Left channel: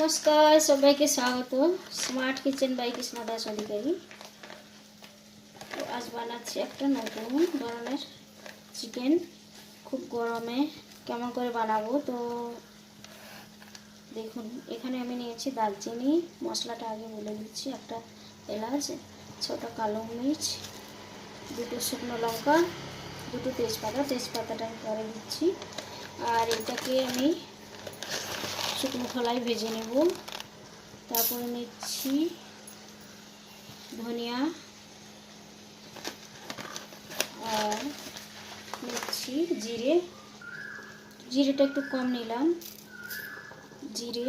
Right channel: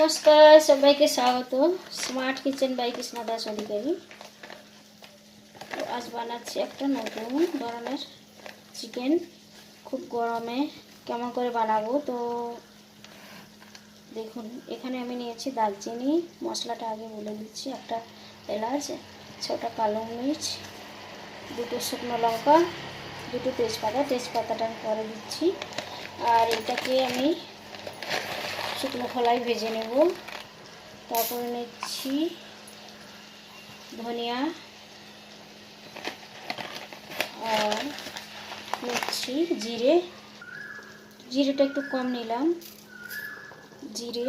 नमस्कार सबाइके स्वागत smart kitchen by Krishna दास अधिकारी। तो आज বানাচ্ছি একটা নতুন ধরনের চিকেন। খুব গরমে কেমন করে বানাবো তো দেখুন। এখানে আমি নিয়েছি দারচিনি, মশলাটা আগে বলে দিচ্ছি। একটা এলাচ, ছোটা কালো মরিচ, দুটো শুকনো লঙ্কা, দুটো তেজপাতাটা আমি পরে দিচ্ছি। আর এটাকে আমি শুকনো খোলায় ভেজে নেব। তারপরে নিচ্ছি ধনিয়া আর নিচ্ছি জিরেটা একটু কম নিলাম জিরে।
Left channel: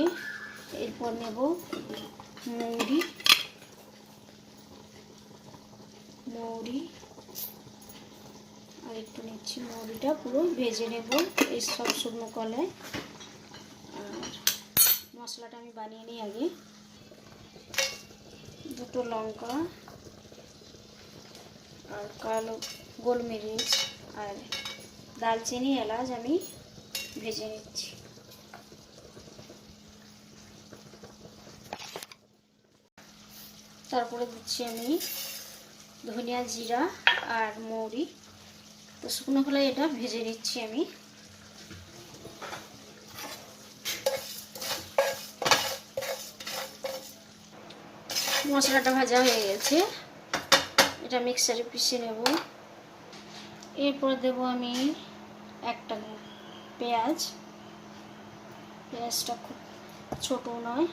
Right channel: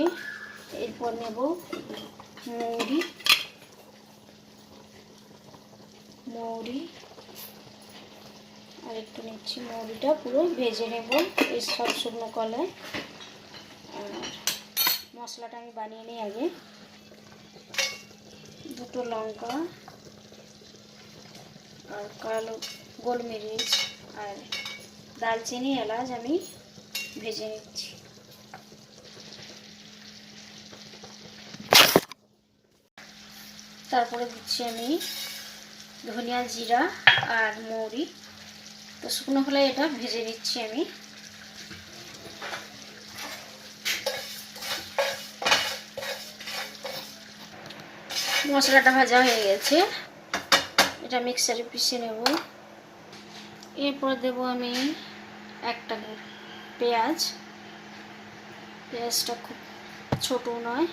এরপর নেব মৌরি আর একটু নিচ্ছি। মৌরিটা পুরো ভেজে নেব এই সব শুকনো কলায়। মশলাটা আমি বানিয়ে নিই আগে। দুটো লঙ্কা আর কালো গোলমরিচ আর দারচিনি, এলাচ আমি ভেজে নিচ্ছি। তারপরে দিচ্ছি আমি ধনিয়া, জিরা আর মৌরি। তো শুকনো খোলায় এটা ভেজে নিচ্ছি আমি। মশলাটা ভাজা হয়ে গেছে, এটা মিক্সারে পিষে নেব। এরপর দেব আমি একটা পেঁয়াজটা খুব ছোট নয়,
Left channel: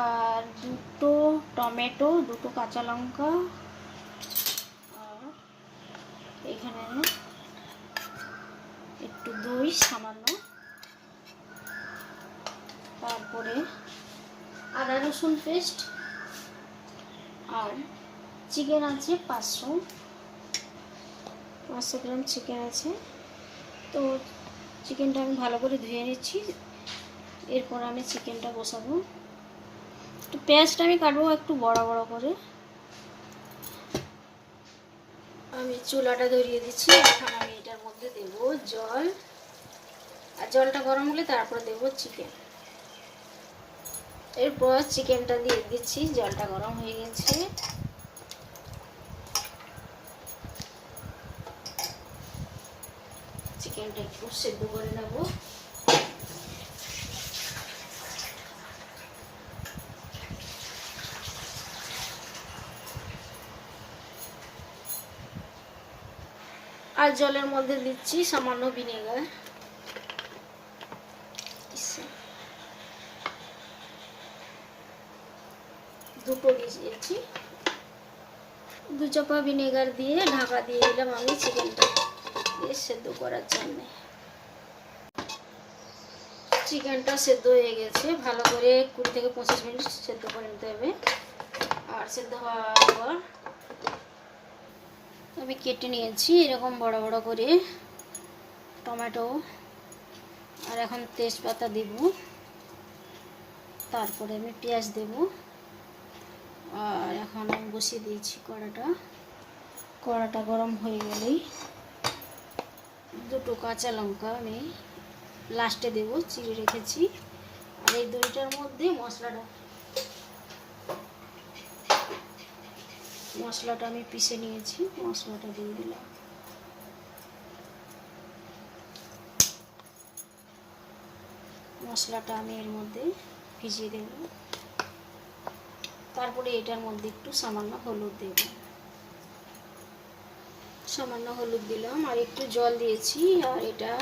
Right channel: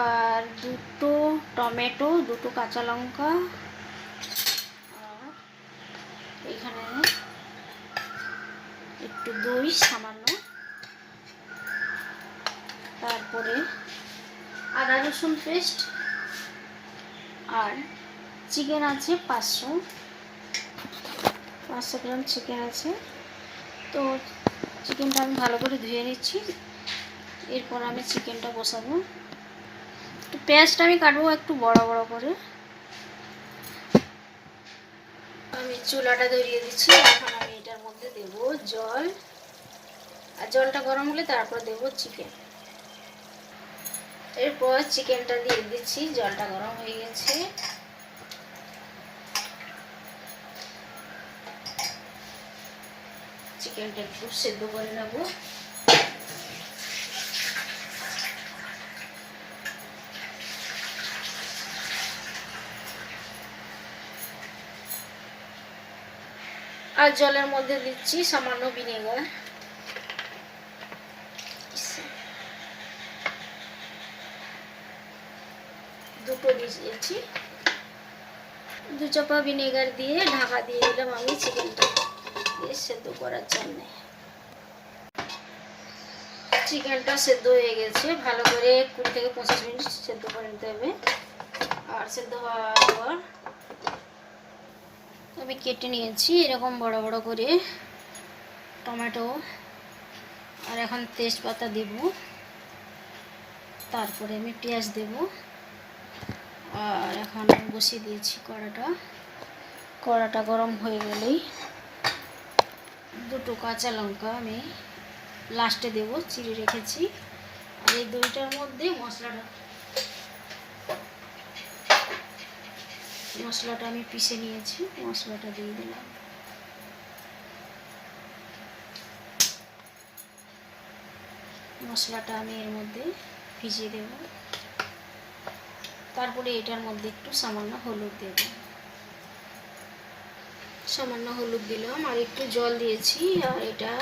আর দুটো টমেটো, দুটো কাঁচা লঙ্কা, আর এখানে একটু দই সামান্য, তারপরে আদা রসুন পেস্ট, আর চিকেন আছে 500 গ্রাম চিকেন আছে। তো চিকেনটা আমি ভালো করে ধুয়ে নিচ্ছি। এরপর আমি চিকেনটা বসাবো। তো পেঁয়াজটা আমি কাটবো একটু বড় বড় করে। আমি চুলাটা ধরিয়ে দিচ্ছি। এখন আমি এটার মধ্যে দেব জল, আর জলটা গরম হলে তারপর দেব চিকেন। এরপর চিকেনটা দিয়ে দিচ্ছি। জলটা গরম হয়ে গেছে। চিকেনটা একটু সেদ্ধ করে নেব। আর জলের মধ্যে দিচ্ছি সামান্য ভিনেগার। দুটো দিয়েছি। 2 চামচ ভিনেগার দিয়ে ঢাকা দিয়ে দিলাম আমি চিকেনটা সেদ্ধ করার জন্য। চিকেনটা সেদ্ধ হয়ে গেছে। ভালো করে 20 থেকে 25 মিনিট সেদ্ধ করে নিতে হবে। আর সেদ্ধ হওয়ার পর আমি কেটে নিয়েছি এরকম বড় বড় করে টমেটো, আর এখন তেজপাতা দেব। তারপরে আমি পেঁয়াজ দেব। আর এখন আমি বসিয়ে দিয়েছি কড়াটা গরম হয়ে গেলেই দুটো কাঁচা লঙ্কা আমি লাস্টে দেব, চিড়ে রেখেছি। আর এই দইটার মধ্যে মশলাটা আমি পিষে নিয়েছি, মশলাটা দিয়ে দিলাম। মশলাটা আমি এর মধ্যে ভিজিয়ে দেব। তারপরে এটার মধ্যে একটু সামান্য হলুদ দেব। সামান্য হলুদ দিলাম, আর একটু জল দিয়েছি। আর এটা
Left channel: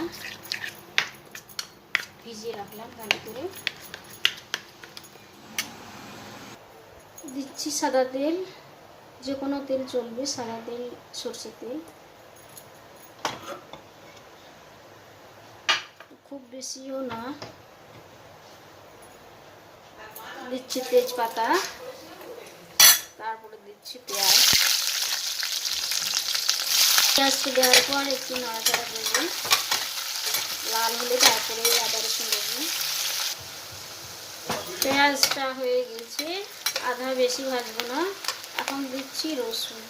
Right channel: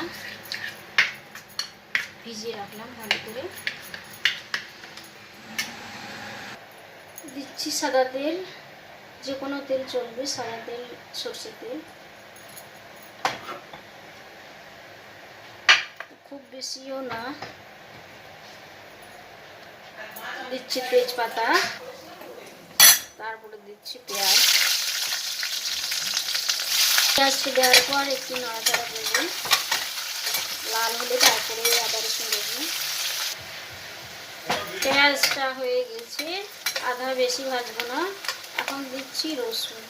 ভিজিয়ে রাখলাম ভালো করে। দিচ্ছি সাদা তেল, যে কোনো তেল চলবে, সাদা তেল, সরষের তেল। খুব বেশিও না। দিচ্ছি তেজপাতা, তারপরে দিচ্ছি পেঁয়াজকে দেওয়ার পর একটু নাড়াচাড়া করবো। লাল হলে তারপরে আদা রসুন দেবো। পেঁয়াজটা হয়ে গেছে, আধা বেশি ভাজবো না। এখন দিচ্ছি রসুন।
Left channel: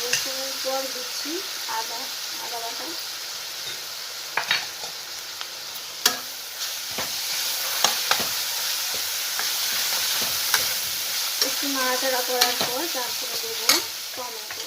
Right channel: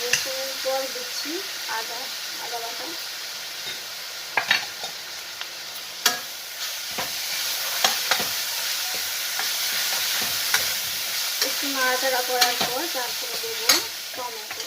রসুনের পর দিচ্ছি আদা বাটা, একটু নাড়াচাড়া করার পর তারপরে দেবো টমেটো।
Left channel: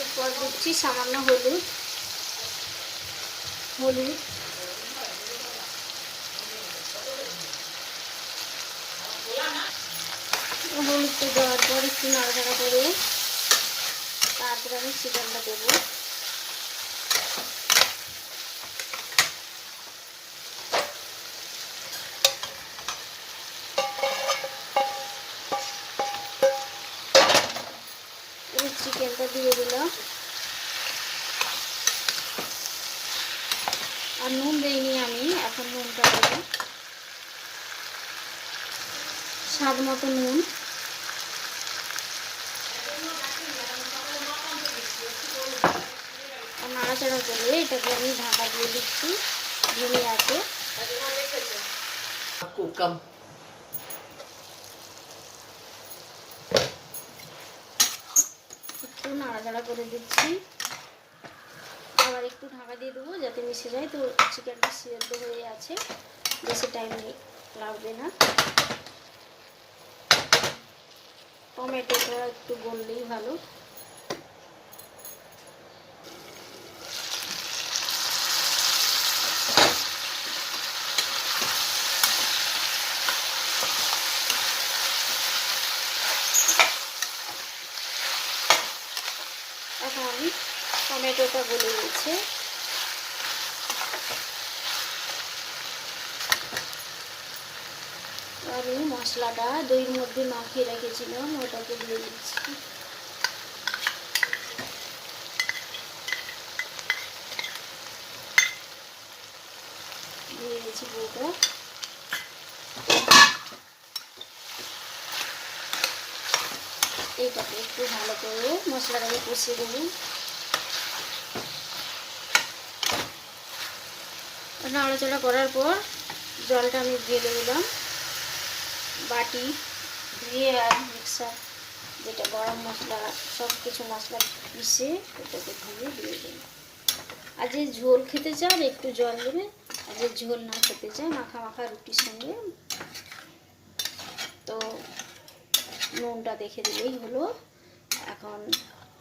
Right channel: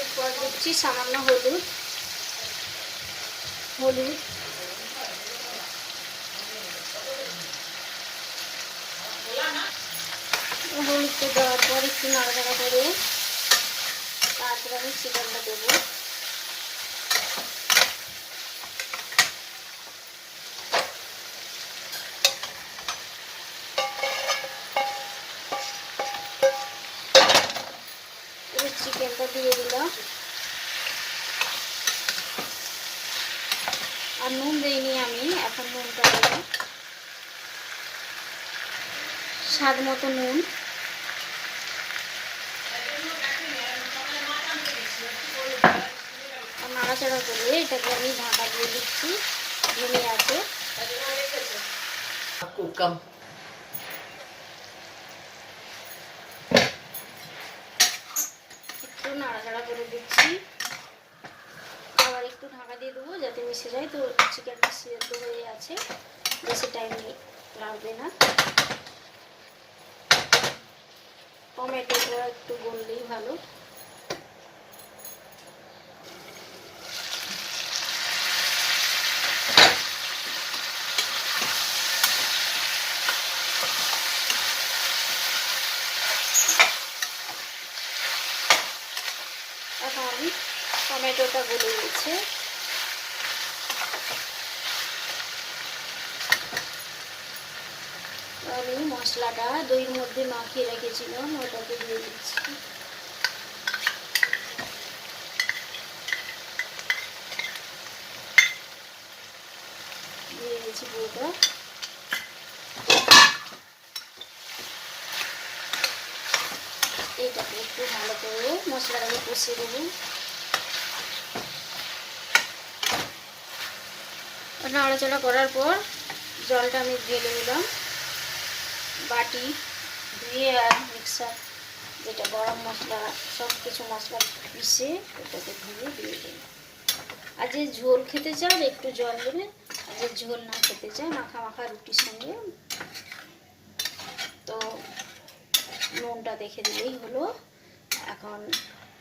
এরপর দিচ্ছি সামান্য হলুদ। হলুদটা দেওয়ার পর একটু নাড়াচাড়া করে তারপরে আমি চিকেনটা দেবো। চিকেনটা দিয়ে দিলাম, আর নুন দিইনি আমি, এখন নুনটা দেবো স্বাদ মতো নুন। আর নাড়াচাড়া করে এটাকে আমি ঢাকা দিয়ে দিচ্ছি ধনে আছে। একটু নাড়াচাড়া করে দিচ্ছি, আবার একটু ঢাকা দিয়ে দেবো যাতে মিশে যায়। তো চিকেনটা সিদ্ধ হয়ে আছে, বেশি টাইম লাগবে না। টমেটোটা একটু গললেই ভালো। এখন টমেটোটা গলে গেছে, আমি মশলাটা দইয়ের মধ্যে মাখিয়ে রেখেছিলাম ওটাকে দিয়ে দিচ্ছি। দিয়ে দিয়েছি পুরোটা। এইটাকে একটু ভালো করে মশলাটাকে কষিয়ে দেবো। নাড়াচাড়া করার পর জলটা আমি ঢেলে দিলাম বাটি দিয়ে, আর মিক্সার যেটা গরম মশলা সব কিছু মশলা পিষে ওটাকে দিয়ে দিলাম। আর যে ঝোল খেতে চান একটু জল দেবে, আর যে ঝোল না খেতে চায় মাখা মাখা রুটির সঙ্গে তো নুনটা দেখে দিলেই হলো। এখন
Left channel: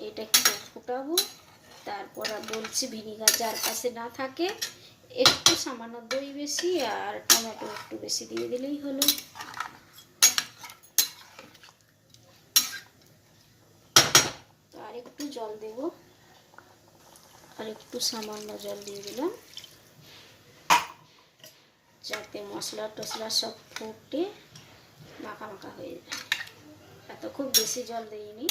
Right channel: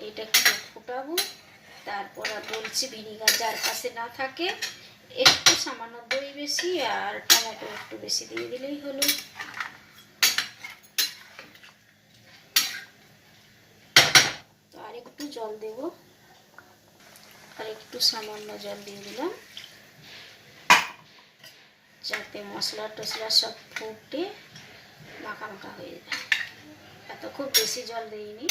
এটা একটু ফুটাবো, তারপর বলছি ভিনিগার যার কাছে না থাকে একটু সামান্য দই বেশি আর টমেটো একটু বেশি দিয়ে দিলেই হলো। তো আর একটু জল দেব, আর একটু সামান্য জল দিয়ে দিলাম যাতে মশলা টসলা সব ফুটে মাখা মাখা হয়ে যায়। এত খুব বেশি জল দিইনি।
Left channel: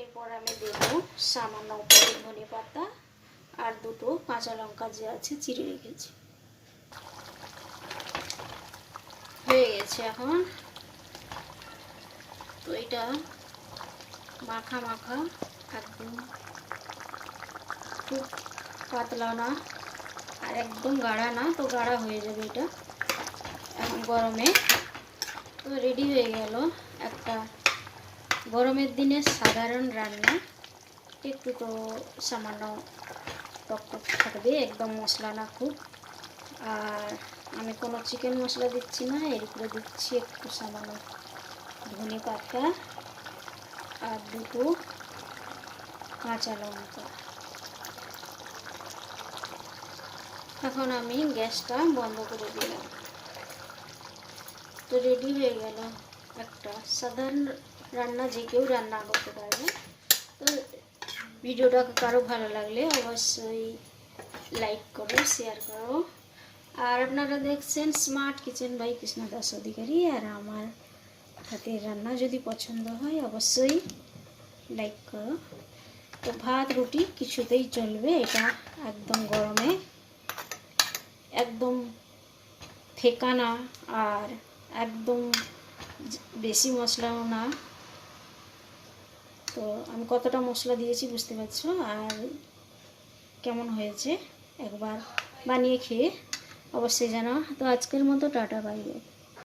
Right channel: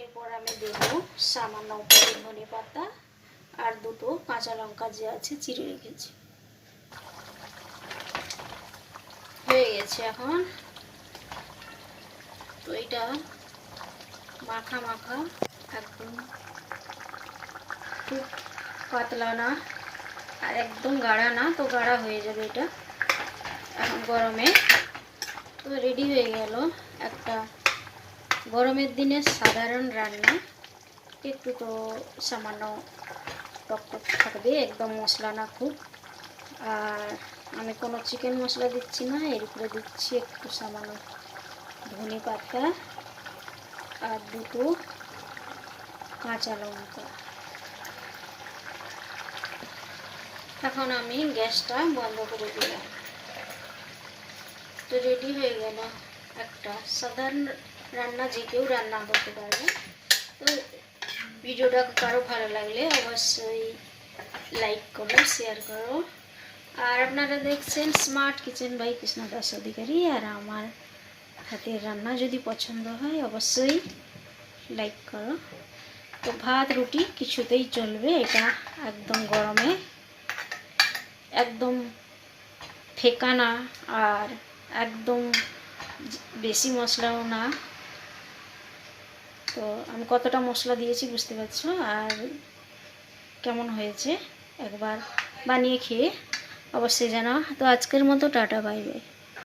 এরপর আমি দেব সামান্য উপরে ধনে পাতা আর দুটো কাঁচা লঙ্কা যে আছে চিড়ে রেখেছি। হয়ে গেছে এখন। তো এটা মাখা মাখা একদম খুব পাতলা না আর একদম গাঢ়া না, তো গাঢ়া হয়ে যাবে এটা এখন গরমে। তো রেডি হয়ে গেল একটা গরমের দিনে সাধারণ রান্না। একটু তো সামান্য টক টক থাকবে, একদম মশলা না খুব। আর আমি কোনো চিকেন মশলা দিচ্ছি না, এর উপরে দিচ্ছি একটু সামান্য ধনে পাতা আর দুটো কাঁচা লঙ্কা। এখন আমি গ্যাসটা বন্ধ করে দিলাম। তো রেডি হয়ে গেল একটা সাধারণ রান্না, যে কেউ রান্না করতে পারবে। তো ভিডিওটা কারো ভালো লাগলে অবশ্যই লাইক করো, শেয়ার করো। আর আপনারা দেখছেন smart kitchen by Krishna Das Adhikari. আর আমার হাতের রান্না যদি পছন্দ হয় অবশ্যই লাইক করো। তো ভাত রুটি কিছুতেই চলবে, এটা একদম গরমে একদম ফেকানা আর একদম বেশি মশলাও না। তো আমি কতটা মশলা দিয়েছি বুঝতে পারছো, আর কেমন হয়েছে একবার বানিয়ে খেয়ে অবশ্যই জানাও। তো আজকের মতো টাটা, বাই বাই।